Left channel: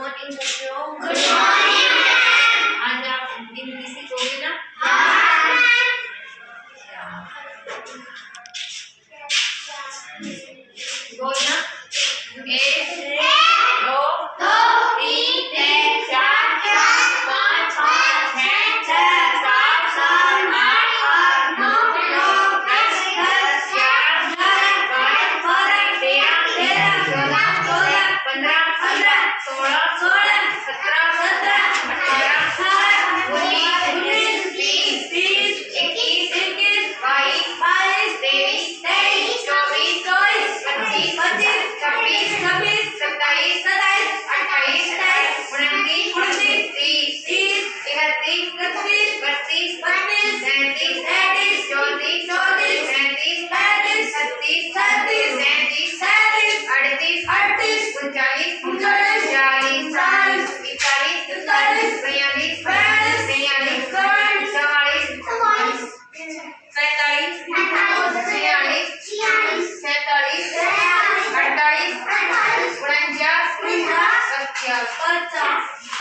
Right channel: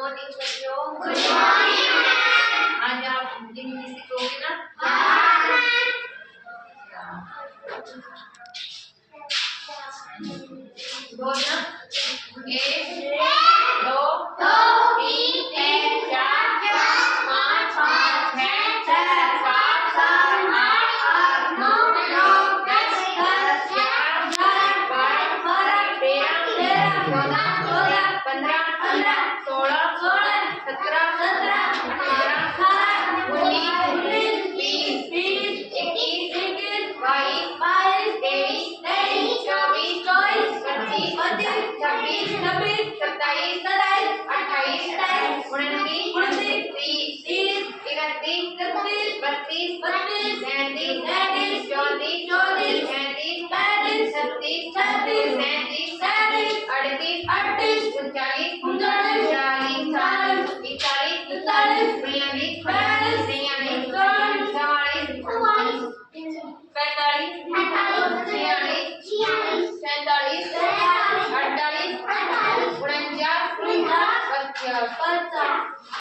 Morning बच्चों। Good morning ma'am. आज आप हिंदी सीखोगे ना? हाँ। बोलना एक दो दो तीन तीन चार चार पाँच पाँच छः छः सात सात आठ आठ नौ नौ दस दस ग्यारह ग्यारह बारह बारह तेरह तेरह चौदह चौदह पंद्रह पंद्रह सोलह सोलह सत्रह सत्रह अठारह अठारह उन्नीस उन्नीस बीस बीस इक्कीस इक्कीस बाईस बाईस तेईस तेईस चौबीस चौबीस पच्चीस पच्चीस छब्बीस छब्बीस सत्ताईस सत्ताईस अट्ठाईस अट्ठाईस उनतीस उनतीस तीस तीस इकतीस इकतीस बत्तीस बत्तीस तैंतीस तैंतीस चौंतीस चौंतीस पैंतीस पैंतीस छत्तीस छत्तीस सैंतीस सैंतीस अड़तीस अड़तीस उनचालीस उनचालीस चालीस चालीस इकतालीस इकतालीस बयालीस बयालीस तैंतालीस चौवालीस चौवालीस पैंतालीस पैंतालीस छियालीस